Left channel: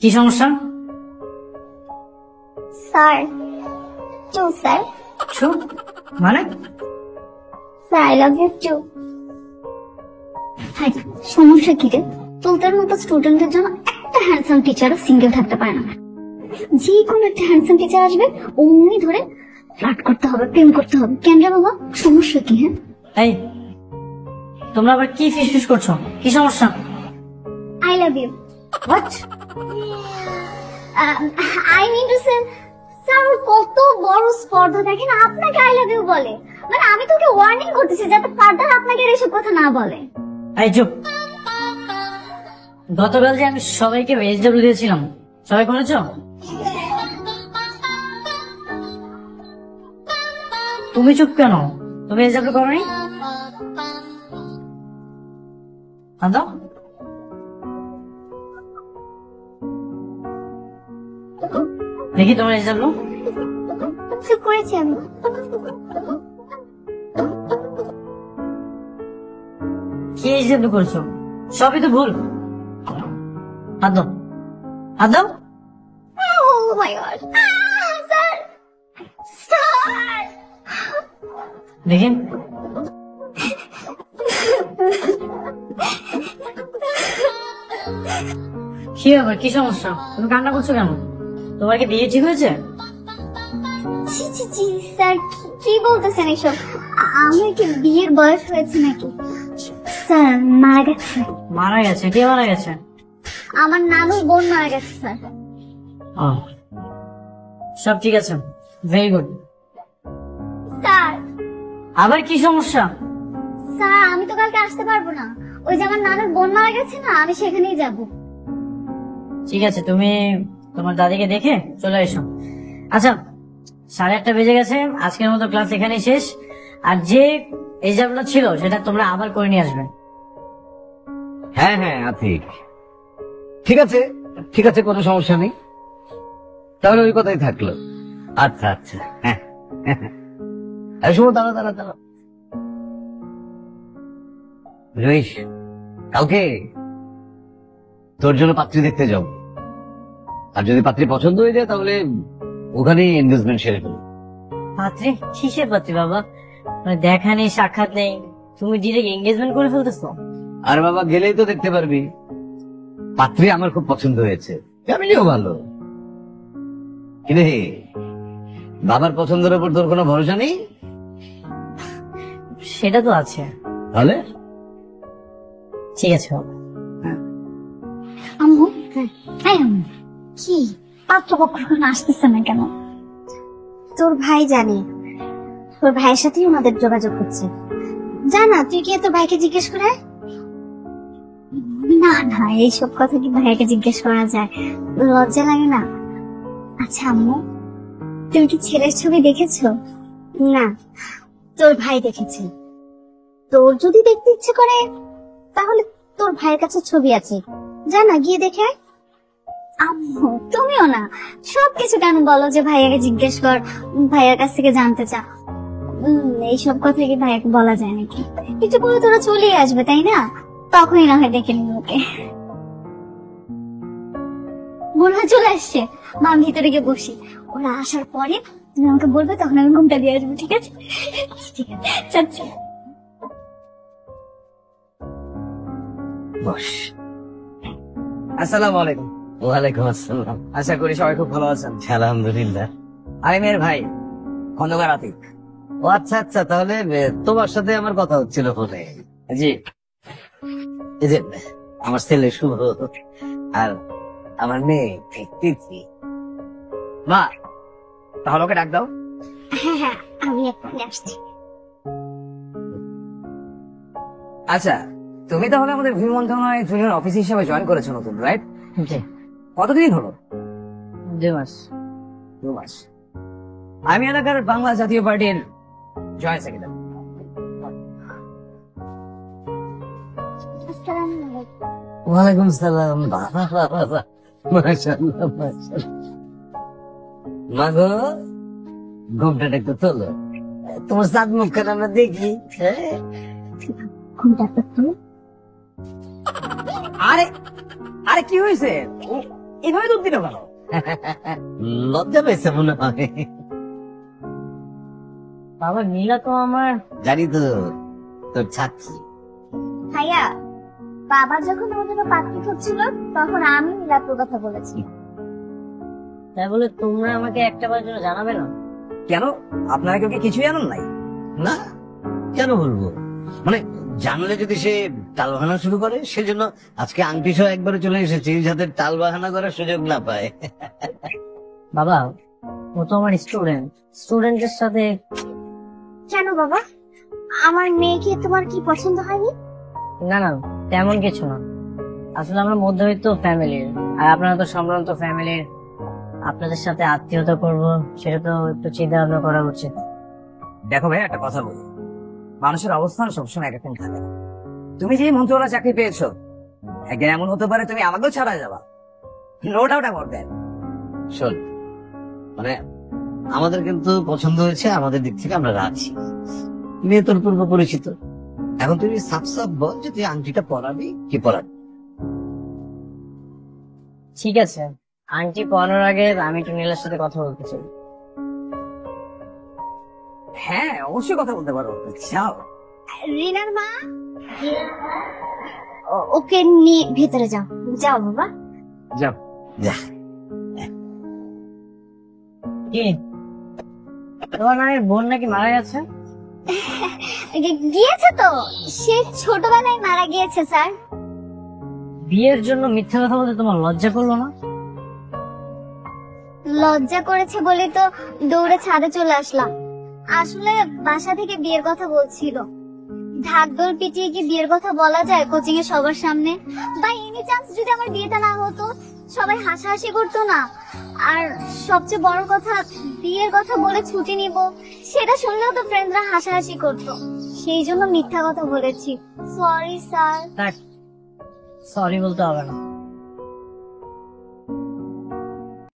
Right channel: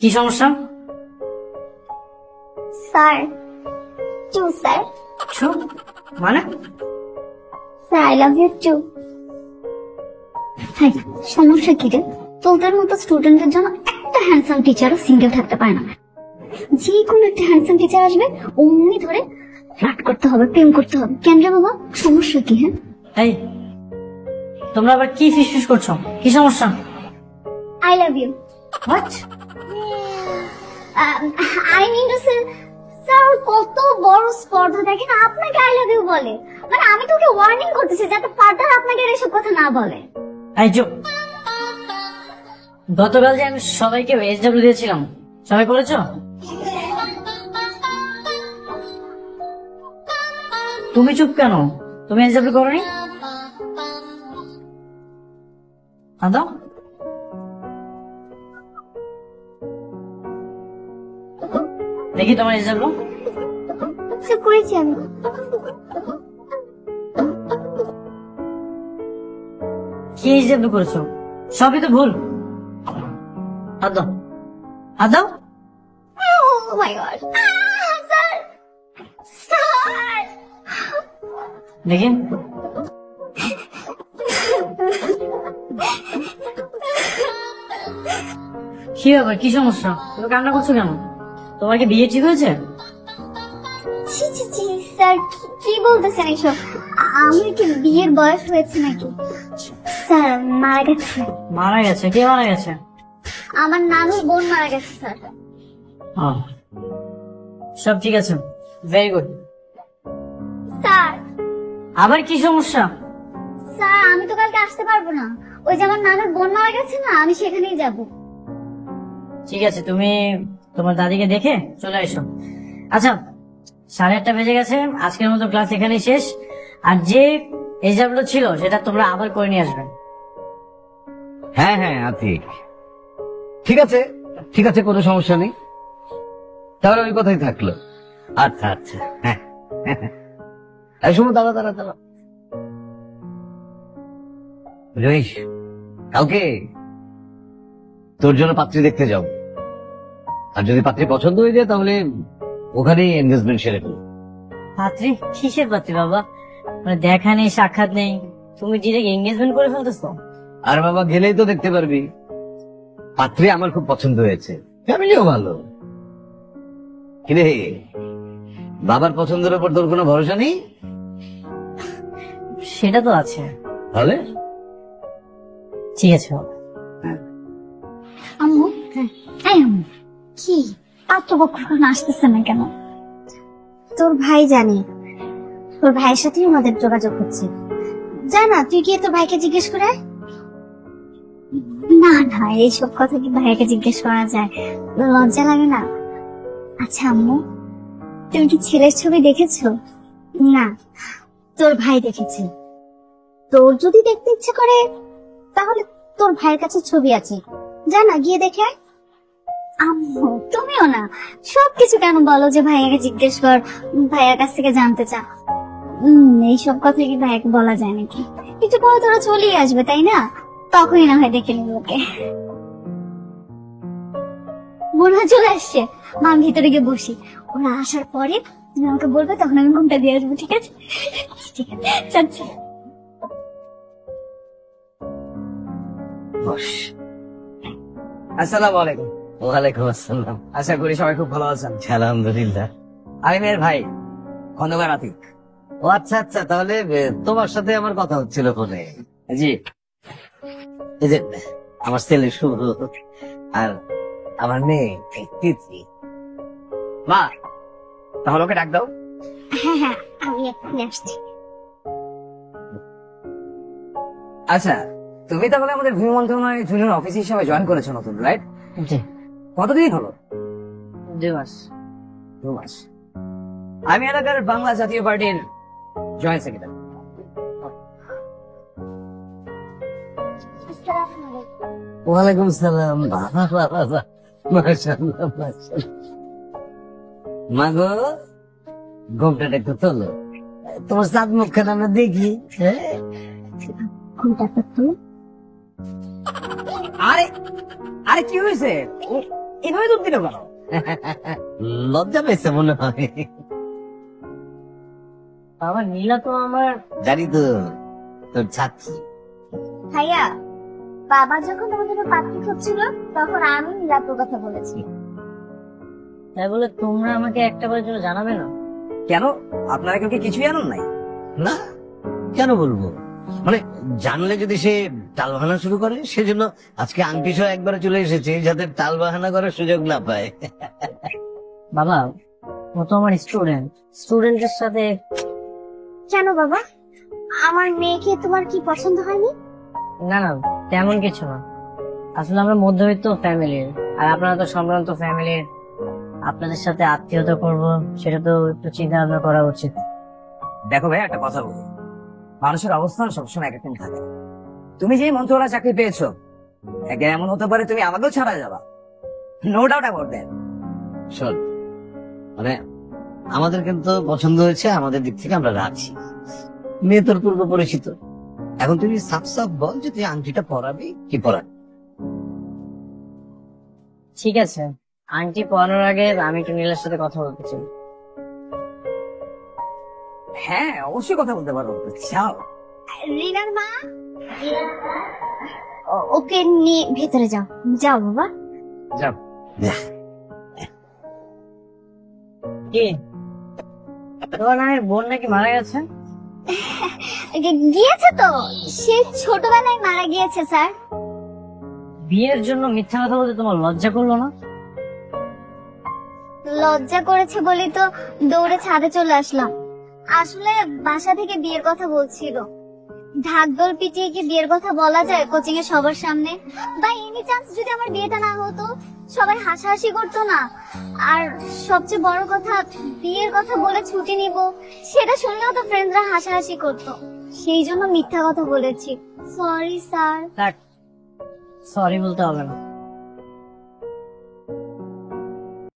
কি সমস্যা? Sir to sir মানে sir I love you too. হ্যাঁ, সমস্যা কি রে? তোদের মতো স্টুডেন্টের জন্য একটা হ্যান্ডসাম টিচারও সিঙ্গেল থাকতে পারে না। যে কোনো একটা হ্যান্ডসাম টিচার আসবে অমনি ধরে ফ্লার্ট করতে হবে, প্রেম করতে হবে। কেন রে বাবা, সমস্যা কি? হ্যাঁ এই তোমরা আবার কি ফিসফিস করছো? কি সমস্যা? I love you. What? I mean to say sir কত বড় স্পর্ধা, দেখেন আপনাকে আই লাভ ইউ বলে। মানে আমি তোকে ওয়ার্নিং করতেছি যাতে ফার্দার আপনাকে এসব কথা না বলে। এই চুপ। গতকাল যে আমি সবাইকে ভেজিটেবল দিয়েছিলাম, সবাই করেছো? তুমি চুপ কেন? তুমি ভেজিটেবল করোনি? দাও দেখি তোমার ভেজিটেবল। সব করেছি আমি। কি হিসাবে করেছো? সবই তো ভুল। হাত দাও, হাত দাও। Oh my God! Sir sir দেখেন কি ব্যাপার, কি সমস্যা? তুমি কান্না করছো কেন? তোমাকে বিয়ে ঠিক হয়েছে? ছি ছি ছি স্যার, কি বলতেছেন এসব? আমার কি বিয়ের বয়স হয়েছে নাকি? স্যার মারা গেছে। মারা গেছে? কে মারা গেছে? আমার নানুর বোন মারা গেছে স্যার। ও, সব ঠিক আছে, ভেরি গুড। স্যার আবার কি সমস্যা? স্যার আমি তো কালকে আসতে পারবো না। ওই যে আমার নানুর বোন মারা গেছে না, আমি সেখানেই যাব। ঠিক আছে, তুমি তোমার দাদিকে দেখে চলে এসো। আচ্ছা, 8:30 বেজে গেছে, আজকের মতো ক্লাস এখানেই শেষ। আর যে এক্সামটা ছিল সেটা তোমরা আবার করে নিয়ে আসবে। হ্যাঁ হ্যাঁ আতিক, ঠিক আছে ঠিক আছে, কোনো সমস্যা নেই। তাহলে ওই কথাই থাকলো। আচ্ছা আচ্ছা, হ্যাঁ এই সময় দাঁড়া দাঁড়া দাঁড়া। রইস, কালকে তোর জন্য পাত্রী দেখতে যাও। আর যদি পাত্রী পছন্দ হয়ে যায় তাহলে ওখানেই এনগেজমেন্ট সেরে ফেলবো। পাত্রী? কিসের পাত্রী বাবা? মানে দেখা নেই, সাক্ষাৎ নেই, তুমি ডিরেক্ট এঙ্গেজমেন্ট করে ফেলতেছো? আর বাবা গেলেই তো দেখতে পারবি। পাত্রী আমার খুব পছন্দ হয়েছে, ফ্যামিলিও ভালো। কিরে, বাবার পছন্দের উপর তোর কোনো ভরসা নেই? সেটা তো আছে। তাহলে ঠিক আছে বাবা। আম্মু, হ্যাঁ আম্মু, কি পাত্রপক্ষ এখন আসতেছে না কেন? তোর ভাই জানি, তোর ভাইয়ের সাথেই আমাদের যোগাযোগ হচ্ছে। জানা তুই কি তো ভাইকে জিজ্ঞেস করে? না না, এইসব কথা কি ভাইকে জিজ্ঞেস করা যায়? লজ্জা লাগে না? আচ্ছা আম্মু, তুমি কি ছেলের ছবি দেখেছো? না, তোর ভাই দেখেছে। তোর যদি দেখতে ইচ্ছে করে তাহলে তোর ভাইয়ের কাছে ছবি আছে, জানা গিয়ে দেখে আয়। আম্মু তুমিও না সবকিছু কেন বলো যে ভাইয়াকে জিজ্ঞেস কর, ভাইয়ার কাছ থেকে জানতে চা। এইসব কথা কি ভাইয়াকে বলা যায় নাকি? কিছু পরে তোরা চলেই আসবে তাই না? তখনই না হয় দেখে নিব। ওকে, বোনরা চলে আসছে, মা আমি ভিতরে গিয়ে বসি। ওরা আসার পরে তুমি আমাকে বলবে, তখন আমি ঘুমটা দিয়ে আসবো। ঠিক আছে? ঠিক আছে, আচ্ছা বস। আসসালামু আলাইকুম। ওয়ালাইকুম আসসালাম। আশা করি সবাই খুব ভালো আছেন। আলহামদুলিল্লাহ। আমি মেয়ের ভাই খন্দকার আতিক। ও আচ্ছা আচ্ছা, তাহলে তোমার সাথে আমার কথা হচ্ছিল ফোনে। জি, এই যে আমার ছেলে শুভ আর আমার মেয়ে তিথি। মা তাহলে ওকে ডাক দাও। হ্যাঁ হ্যাঁ, আমি এক্ষুনি আসছি। আচ্ছা, তুমি তাহলে আমাদের ভূমি মন্ত্রণালয়ের জুনিয়র অফিস হিসেবে জয়েন করেছো নতুন, রাইট? জি, কতদিন হলো? 2 মাস। 2 মাস। আমি এলাকার বাংলা জাতীয় পার্টির জয়েন্ট সেক্রেটারি। আসসালামু আলাইকুম। ওয়ালাইকুম সালাম। বাবা বাবা, মাশাআল্লাহ মাশাআল্লাহ। মাগো, ঘুমটা একটু তোলো, তোমার সাত মুখখানা আমরা দেখি। হ্যাঁ, ঘুমটা তো তুই। আরে আরে কি হয়েছে? এভাবে তোর দিল কেন? লজ্জা পেয়েছে মনে হয়। বাবা নীলা তো আমার জানি তো, তোর ছাত্রী। ভাইয়া, বাবা যখন আমাদের পাত্রী খুঁজছিল তখন আমি নীলাপুর কথা বলেছি। তাই বলে তোমরা আমাকে একটাবার জন্য জানাবে না? কেন, আপনারা কেউ কি কিছুই জানেন নাই? না, কেন বলবো? মানে জানলে যদি সে টাল বাহানা শুরু করে, সেজন্য আজকে আংটি সহ একবারে চলে এসেছে যাতে টাল বাহানা করার সুযোগ না পায়। বাবা ও তো আমার স্টুডেন্টের সাথে। কেন বাবা, আমার মেয়েকে তোমার কি পছন্দ হয়নি? না না, তেমন কিছু না। আসলে আমরা মধ্যবিত্ত ফ্যামিলির, আর আপনারা তো সম্ভ্রান্ত ফ্যামিলির। আপনাদের সাথে আত্মীয়তা করব, সেটা তো একটু চিন্তা ভাবনা করা উচিত। দেখো ভাই, একটা কথা বলি, মানুষের অবস্থান সবসময় একরকম থাকে না। তুমি যে মন্ত্রণা চাকরি পেয়েছো, একদিন এমন হতে পারে তুমি আমাকেও ছাড়া যাবা। No doubt about that. শোন, মানে আমাদের কিন্তু পছন্দ হয়েছে, আমাদের দিক থেকে আমরা রাজি। মেয়ে তোর পূর্ব পরিচিত, এখন তুই সাফ সাফ বল যে তুই আংটিটা পরাবি কি পরাবি। ঠিক আছে, আন্টি পড়ানোর আগে আমি একটু নীলার সাথে কথা বলতে চাই। হ্যাঁ, অবশ্যই কথা বলতে পারবো, চাও? রিনার মা, ওকে নিয়ে ভেতরে যাও। যাও বাবা। যাও। কি তোমার নামের বোন নাকি মারা গেছে? গিয়েছে তো, সেই ছোটবেলায় মারা গিয়েছে স্যার। বিয়ের জন্য মিথ্যা কথা বলতে তোমার লজ্জা করলো না? লজ্জা করেছে বলে তো দৌড়ে ছাদে চলে আসলাম। আসলে বাসা থেকে বিয়ের কথা বলছিল। ঢাকঢোল পিটিয়ে কি বিয়ের কথা বলা যায় কোচিং এ সবার সামনে? বাই এনি চান্স যদি আমার বিয়েটা না হতো, সবাই হাসাহাসি করতো না? আর সবচেয়ে বড় কথা, বিয়ের কথা বলে ছুটি নিব, সেটা শুনলেও তো ফ্রেন্ডরা হাসাহাসি করতো। সেই জন্য মিথ্যা কথা বলেছি। Sorry sir. সরি বলতে হবে না।